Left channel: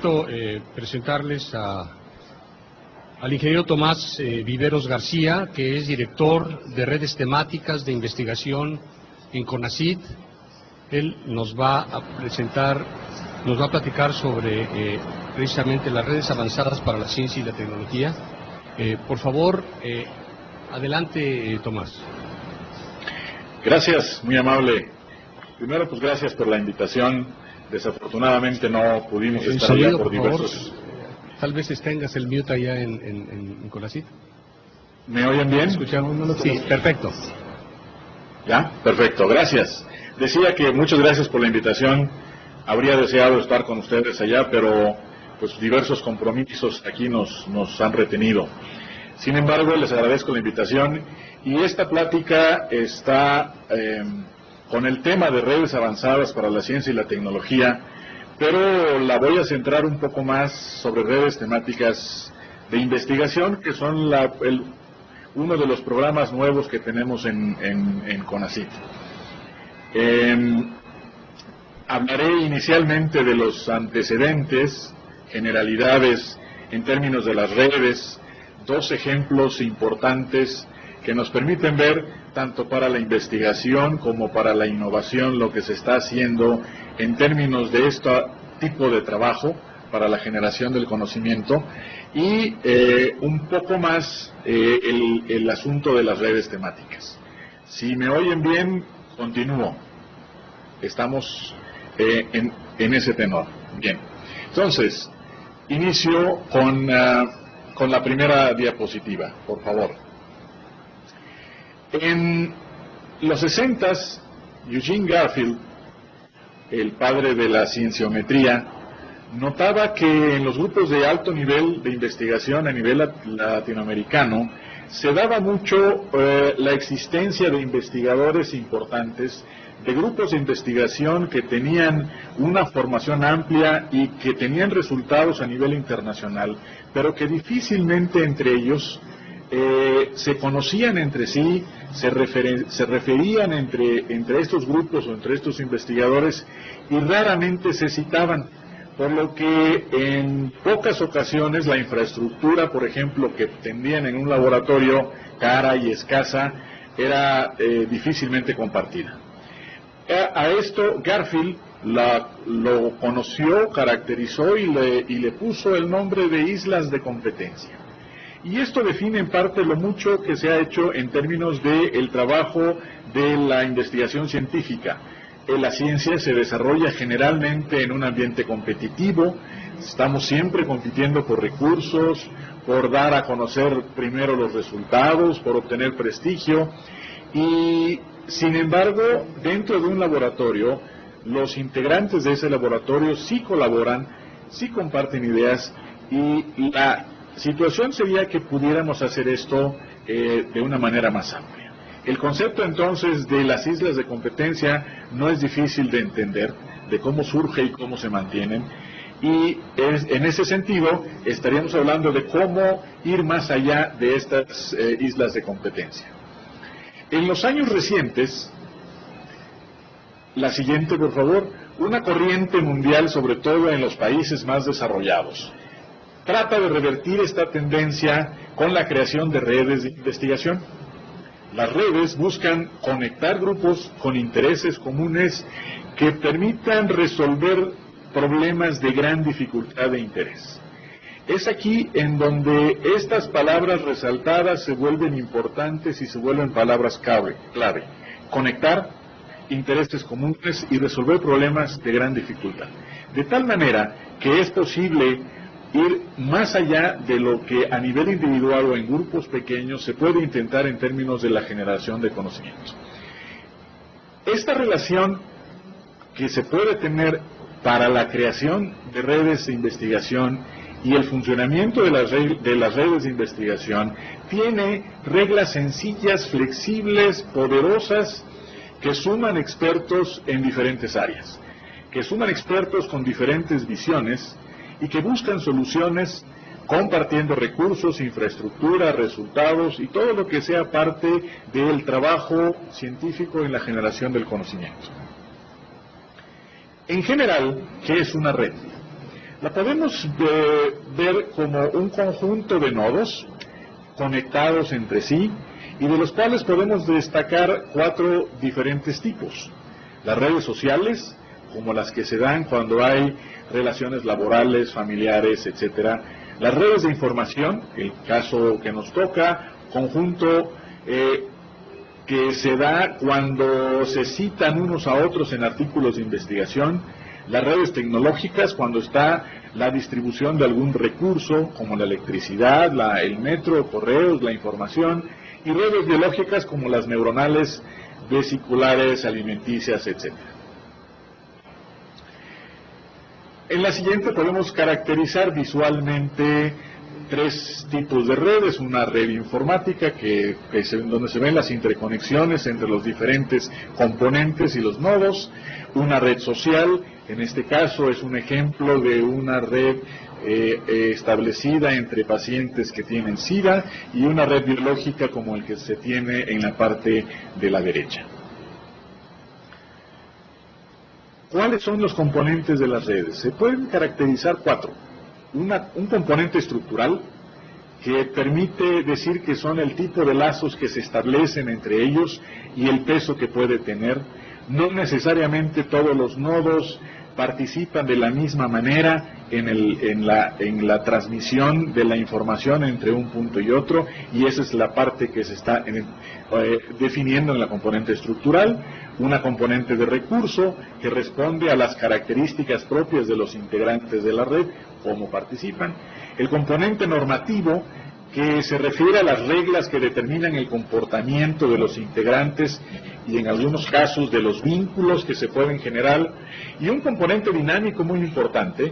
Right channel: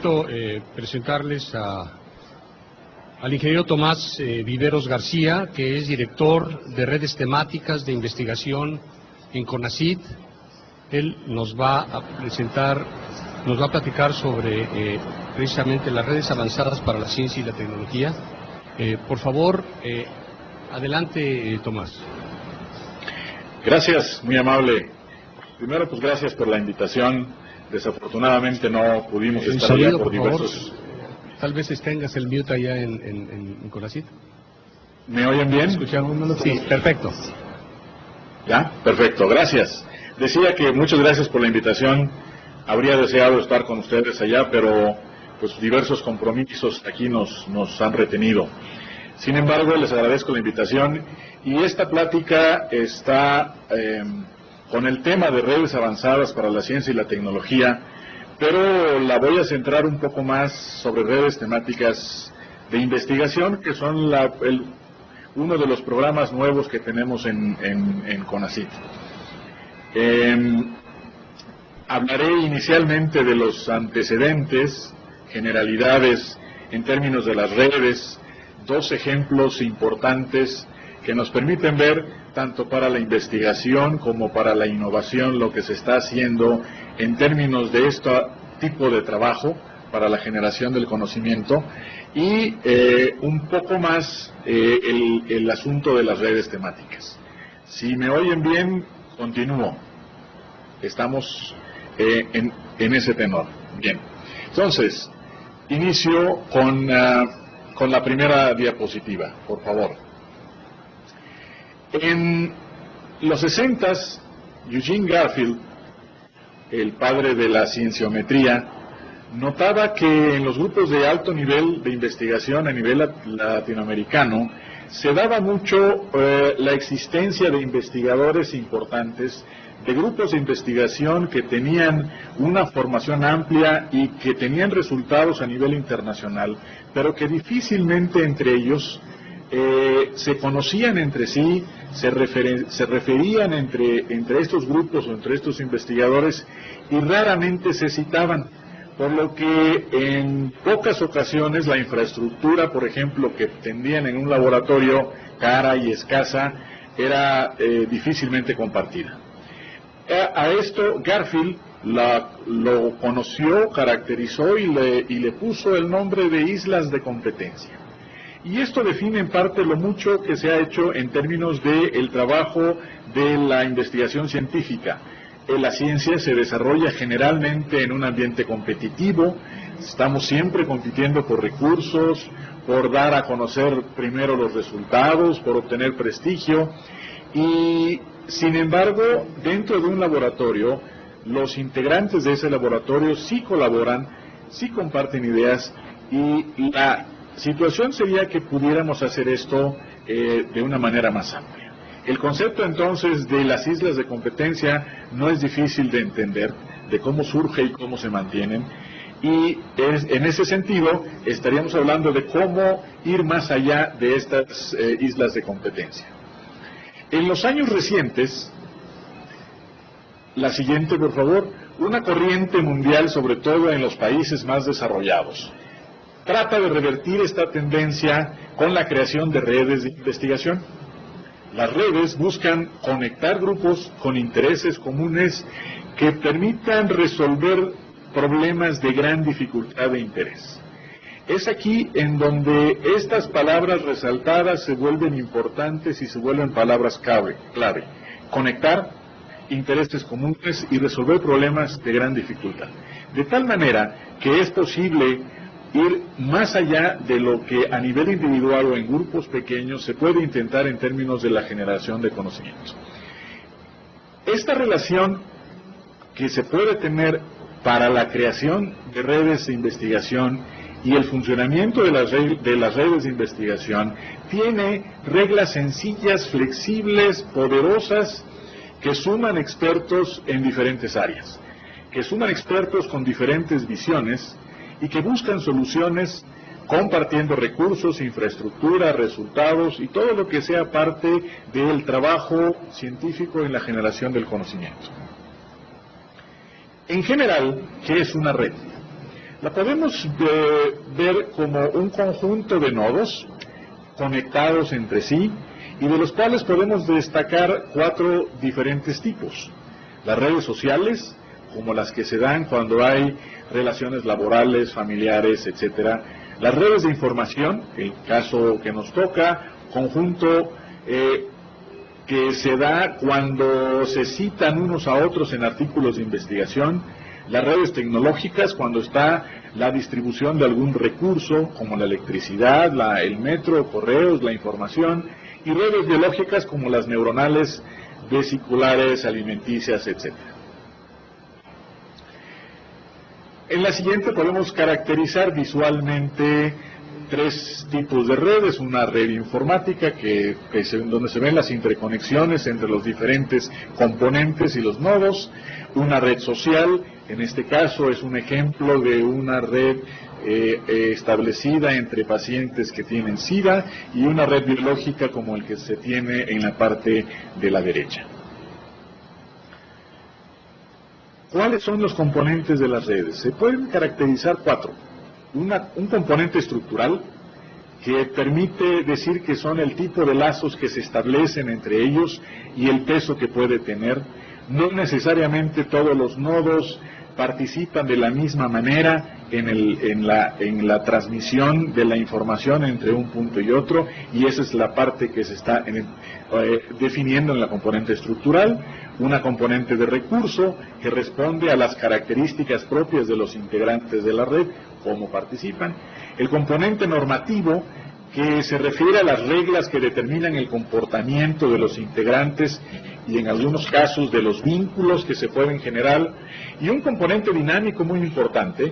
permito presentarles al ingeniero Tomás Viveros García, que es director de redes temáticas de investigación en CONACYT. Él nos va a platicar sobre precisamente las redes avanzadas para la ciencia y la tecnología. Por favor, adelante, Tomás. Gracias, muy amable. Primero, pues gracias por la invitación. Desafortunadamente no pudimos estar allá por diversos... Tal vez tengas el mute allá en CONACYT. ¿Me oyen bien? ¿Escuchamos? Sí, perfecto. ¿Ya? Perfecto, gracias. Decía que muchas gracias por la invitación. Habría deseado estar con ustedes allá, pero pues diversos compromisos aquí nos han retenido. Sin embargo, les agradezco la invitación y esta plática está con el tema de redes avanzadas para la ciencia y la tecnología, pero la voy a centrar un poco más sobre redes temáticas de investigación, que son uno de los programas nuevos que tenemos en CONACYT. Hablaré inicialmente de los antecedentes, generalidades en términos de las redes, dos ejemplos importantes que nos permiten ver tanto para la investigación como para la innovación lo que se está haciendo en términos de este tipo de trabajo para la generación del conocimiento y un poco más el asunto de las redes temáticas. Si me oyen bien, continúo. Estamos en ese tenor. Bien. Entonces, inicio con la primera diapositiva, por favor. En los 60s, Eugene Garfield, el padre de la cienciometría, notaba que en los grupos de alto nivel de investigación a nivel latinoamericano se daba mucho la existencia de investigadores importantes, de grupos de investigación que tenían una formación amplia y que tenían resultados a nivel internacional, pero que difícilmente entre ellos se conocían entre sí, se referían entre estos grupos o entre estos investigadores y raramente se citaban, por lo que en pocas ocasiones la infraestructura, por ejemplo, que tendrían en un laboratorio cara y escasa, era difícilmente compartida. A esto Garfield lo conoció, caracterizó y le puso el nombre de islas de competencia. Y esto define en parte lo mucho que se ha hecho en términos del trabajo de la investigación científica. La ciencia se desarrolla generalmente en un ambiente competitivo, estamos siempre compitiendo por recursos, por dar a conocer primero los resultados, por obtener prestigio, y sin embargo, dentro de un laboratorio, los integrantes de ese laboratorio sí colaboran, sí comparten ideas, y la situación sería que pudiéramos hacer esto de una manera más amplia. El concepto entonces de las islas de competencia no es difícil de entender, de cómo surge y cómo se mantienen, y en ese sentido estaríamos hablando de cómo ir más allá de estas islas de competencia. En los años recientes, la siguiente por favor, una corriente mundial, sobre todo en los países más desarrollados, trata de revertir esta tendencia con la creación de redes de investigación. Las redes buscan conectar grupos con intereses comunes que permitan resolver problemas de gran dificultad e interés. Es aquí en donde estas palabras resaltadas se vuelven importantes y se vuelven palabras clave. Conectar intereses comunes y resolver problemas de gran dificultad. De tal manera que es posible ir más allá de lo que a nivel individual o en grupos pequeños se puede intentar en términos de la generación de conocimientos. Esta relación que se puede tener para la creación de redes de investigación y el funcionamiento de las redes de investigación tiene reglas sencillas, flexibles, poderosas, que suman expertos en diferentes áreas, que suman expertos con diferentes visiones y que buscan soluciones compartiendo recursos, infraestructura, resultados y todo lo que sea parte del trabajo científico en la generación del conocimiento. En general, ¿qué es una red? La podemos ver como un conjunto de nodos conectados entre sí y de los cuales podemos destacar 4 diferentes tipos. Las redes sociales, como las que se dan cuando hay relaciones laborales, familiares, etcétera. Las redes de información, el caso que nos toca, conjunto que se da cuando se citan unos a otros en artículos de investigación. Las redes tecnológicas, cuando está la distribución de algún recurso, como la electricidad, el metro, correos, la información. Y redes biológicas, como las neuronales, vesiculares, alimenticias, etcétera. En la siguiente podemos caracterizar visualmente 3 tipos de redes: una red informática donde se ven las interconexiones entre los diferentes componentes y los nodos; una red social, en este caso es un ejemplo de una red establecida entre pacientes que tienen SIDA; y una red biológica como el que se tiene en la parte de la derecha. ¿Cuáles son los componentes de las redes? Se pueden caracterizar 4. Un componente estructural, que permite decir que son el tipo de lazos que se establecen entre ellos y el peso que puede tener. No necesariamente todos los nodos participan de la misma manera en la transmisión de la información entre un punto y otro, y esa es la parte que se está definiendo en la componente estructural. Una componente de recurso, que responde a las características propias de los integrantes de la red, cómo participan. El componente normativo, que se refiere a las reglas que determinan el comportamiento de los integrantes y en algunos casos de los vínculos que se pueden generar. Y un componente dinámico muy importante,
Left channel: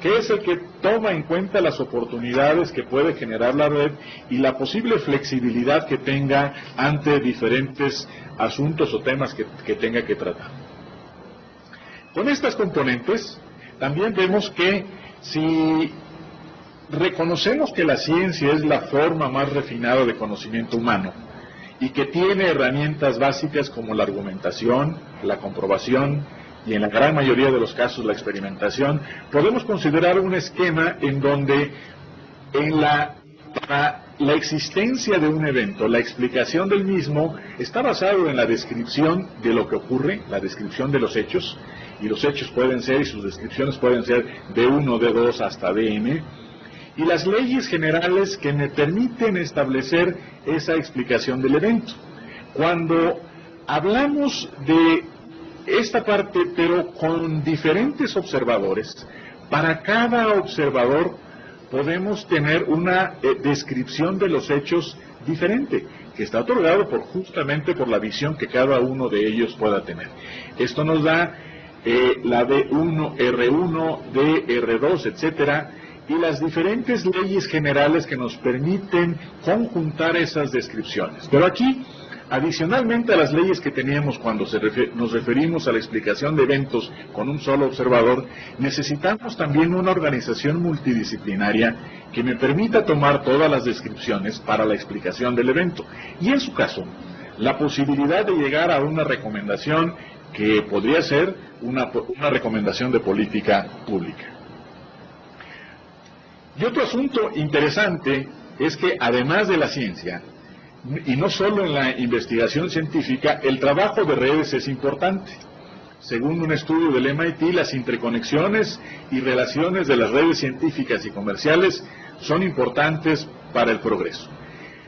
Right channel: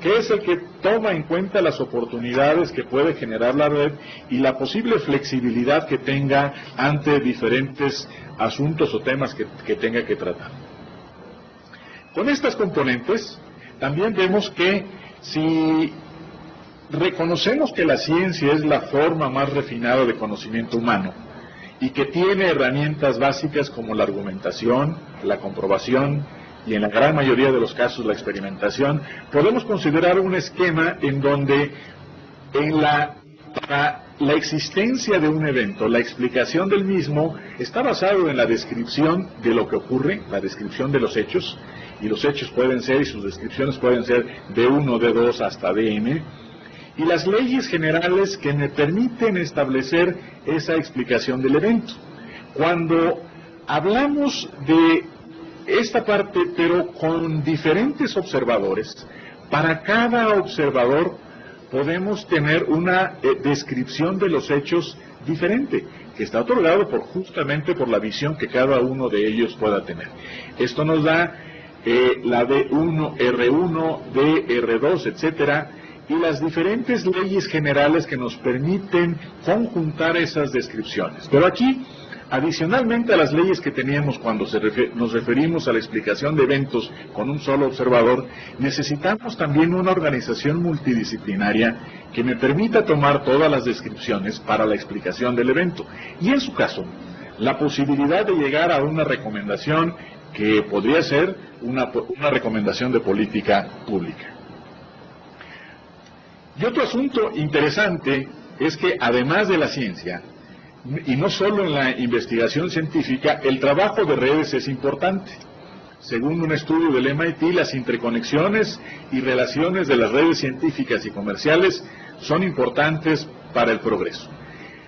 que es el que toma en cuenta las oportunidades que puede generar la red y la posible flexibilidad que tenga ante diferentes asuntos o temas que tenga que tratar. Con estas componentes también vemos que si reconocemos que la ciencia es la forma más refinada de conocimiento humano y que tiene herramientas básicas como la argumentación, la comprobación y en la gran mayoría de los casos la experimentación, podemos considerar un esquema en donde para la existencia de un evento, la explicación del mismo está basado en la descripción de lo que ocurre, la descripción de los hechos, y los hechos pueden ser, y sus descripciones pueden ser de 1, de 2 hasta de n, y las leyes generales que me permiten establecer esa explicación del evento. Cuando hablamos de esta parte, pero con diferentes observadores, para cada observador podemos tener una descripción de los hechos diferente, que está otorgada justamente por la visión que cada uno de ellos pueda tener. Esto nos da la D1, R1, D, R2, etcétera, y las diferentes leyes generales que nos permiten conjuntar esas descripciones. Pero aquí, adicionalmente a las leyes que teníamos cuando nos referimos a la explicación de eventos con un solo observador, necesitamos también una organización multidisciplinaria que me permita tomar todas las descripciones para la explicación del evento. Y en su caso, la posibilidad de llegar a una recomendación que podría ser una recomendación de política pública. Y otro asunto interesante es que además de la ciencia, y no solo en la investigación científica, el trabajo de redes es importante. Según un estudio del MIT, las interconexiones y relaciones de las redes científicas y comerciales son importantes para el progreso.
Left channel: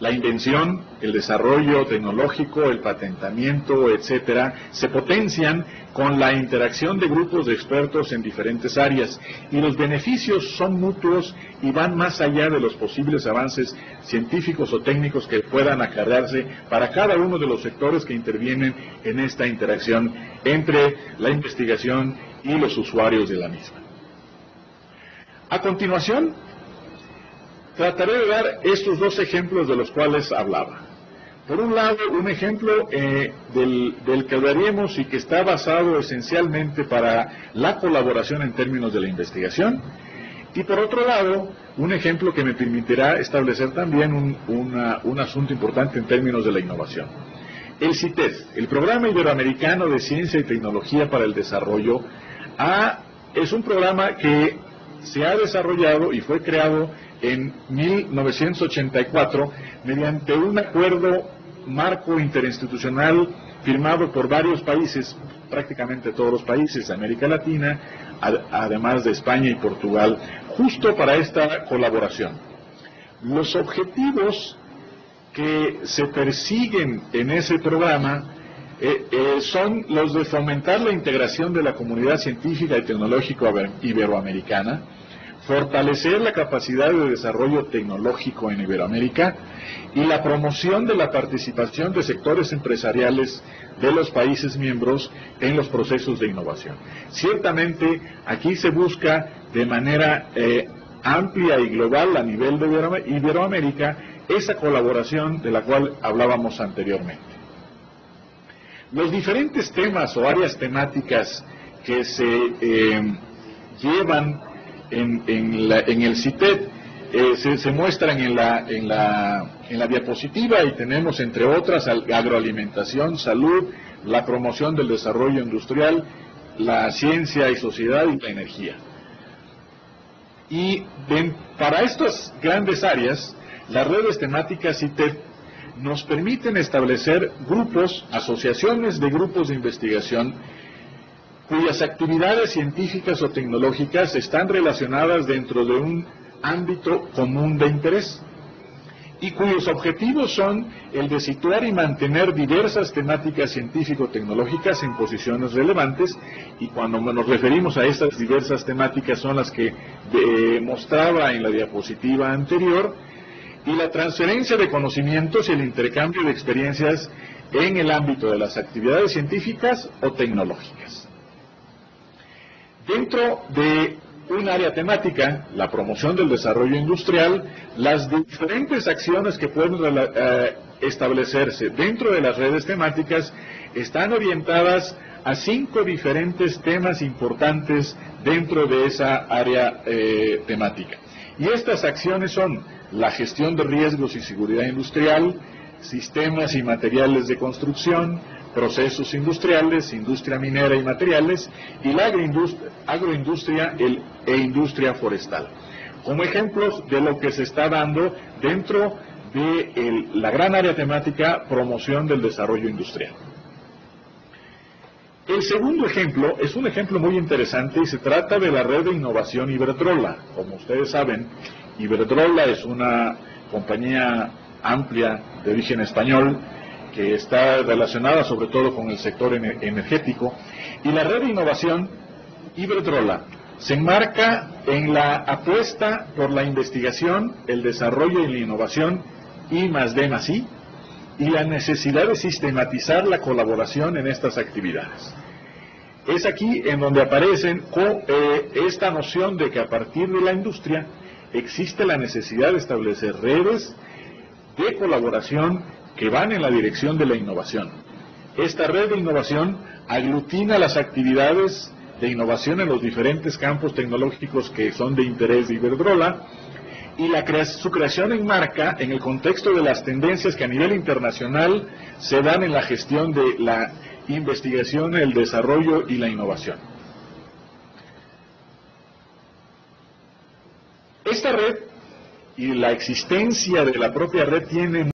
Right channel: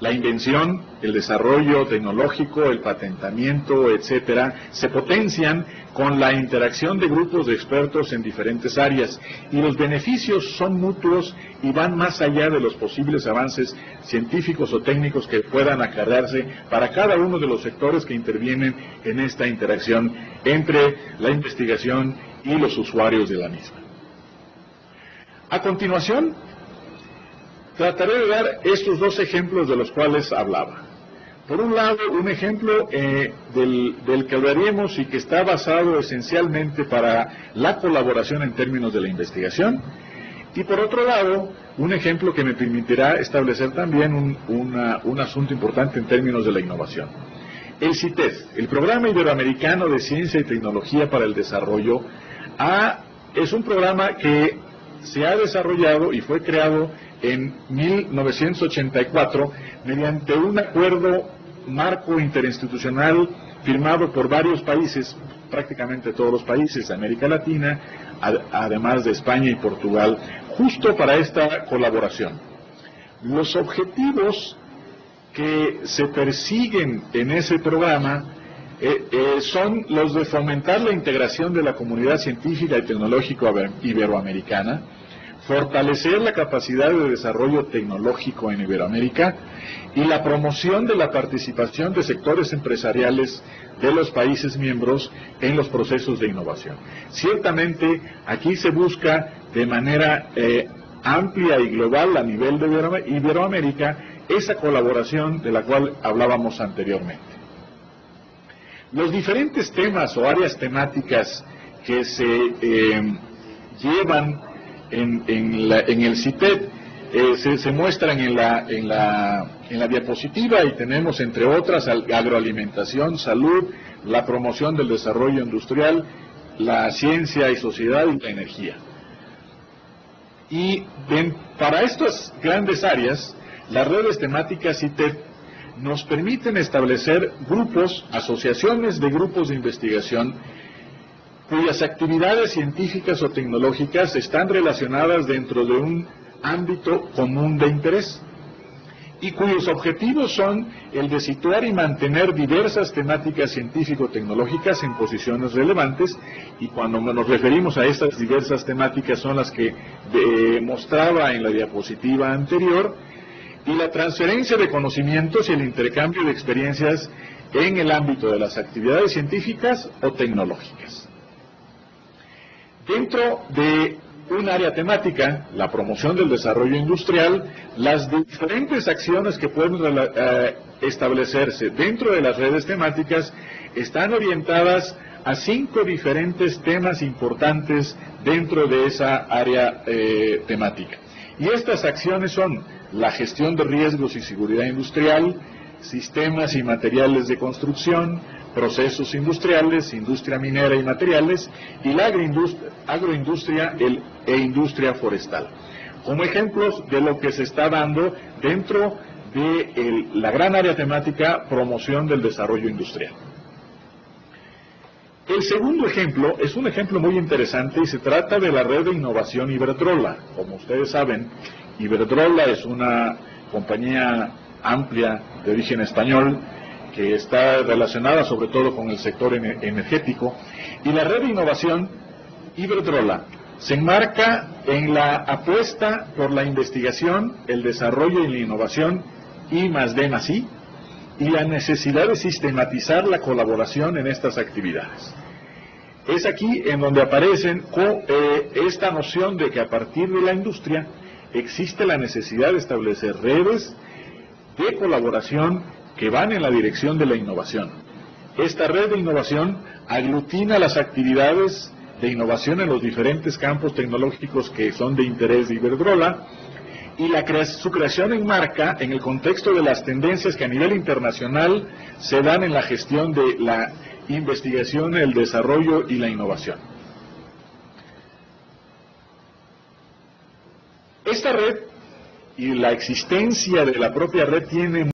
La invención, el desarrollo tecnológico, el patentamiento, etcétera, se potencian con la interacción de grupos de expertos en diferentes áreas, y los beneficios son mutuos y van más allá de los posibles avances científicos o técnicos que puedan acarrearse para cada uno de los sectores que intervienen en esta interacción entre la investigación y los usuarios de la misma. A continuación, trataré de dar estos 2 ejemplos de los cuales hablaba. Por un lado, un ejemplo del que hablaremos y que está basado esencialmente para la colaboración en términos de la investigación, y por otro lado, un ejemplo que me permitirá establecer también un asunto importante en términos de la innovación. El CITED, el Programa Iberoamericano de Ciencia y Tecnología para el Desarrollo, es un programa que se ha desarrollado y fue creado en 1984 mediante un acuerdo marco interinstitucional firmado por varios países, prácticamente todos los países de América Latina, además de España y Portugal, justo para esta colaboración. Los objetivos que se persiguen en ese programa son los de fomentar la integración de la comunidad científica y tecnológica iberoamericana, fortalecer la capacidad de desarrollo tecnológico en Iberoamérica y la promoción de la participación de sectores empresariales de los países miembros en los procesos de innovación. Ciertamente, aquí se busca de manera amplia y global a nivel de Iberoamérica esa colaboración de la cual hablábamos anteriormente. Los diferentes temas o áreas temáticas que se llevan en el CITED se muestran en la diapositiva y tenemos entre otras agroalimentación, salud, la promoción del desarrollo industrial, la ciencia y sociedad y la energía. Y para estas grandes áreas, las redes temáticas CITED nos permiten establecer grupos, asociaciones de grupos de investigación cuyas actividades científicas o tecnológicas están relacionadas dentro de un ámbito común de interés y cuyos objetivos son el de situar y mantener diversas temáticas científico-tecnológicas en posiciones relevantes, y cuando nos referimos a estas diversas temáticas son las que mostraba en la diapositiva anterior, y la transferencia de conocimientos y el intercambio de experiencias en el ámbito de las actividades científicas o tecnológicas. Dentro de un área temática, la promoción del desarrollo industrial, las diferentes acciones que pueden establecerse dentro de las redes temáticas están orientadas a 5 diferentes temas importantes dentro de esa área temática. Y estas acciones son la gestión de riesgos y seguridad industrial, sistemas y materiales de construcción, procesos industriales, industria minera y materiales, y la agroindustria e industria forestal, como ejemplos de lo que se está dando dentro de la gran área temática promoción del desarrollo industrial. El segundo ejemplo es un ejemplo muy interesante y se trata de la red de innovación Iberdrola. Como ustedes saben, Iberdrola es una compañía amplia de origen español que está relacionada sobre todo con el sector energético, y la red de innovación Iberdrola se enmarca en la apuesta por la investigación, el desarrollo y la innovación I+D+I, y la necesidad de sistematizar la colaboración en estas actividades. Es aquí en donde aparece esta noción de que a partir de la industria existe la necesidad de establecer redes de colaboración que van en la dirección de la innovación. Esta red de innovación aglutina las actividades de innovación en los diferentes campos tecnológicos que son de interés de Iberdrola, y su creación enmarca en el contexto de las tendencias que a nivel internacional se dan en la gestión de la investigación, el desarrollo y la innovación. Esta red y la existencia de la propia red tiene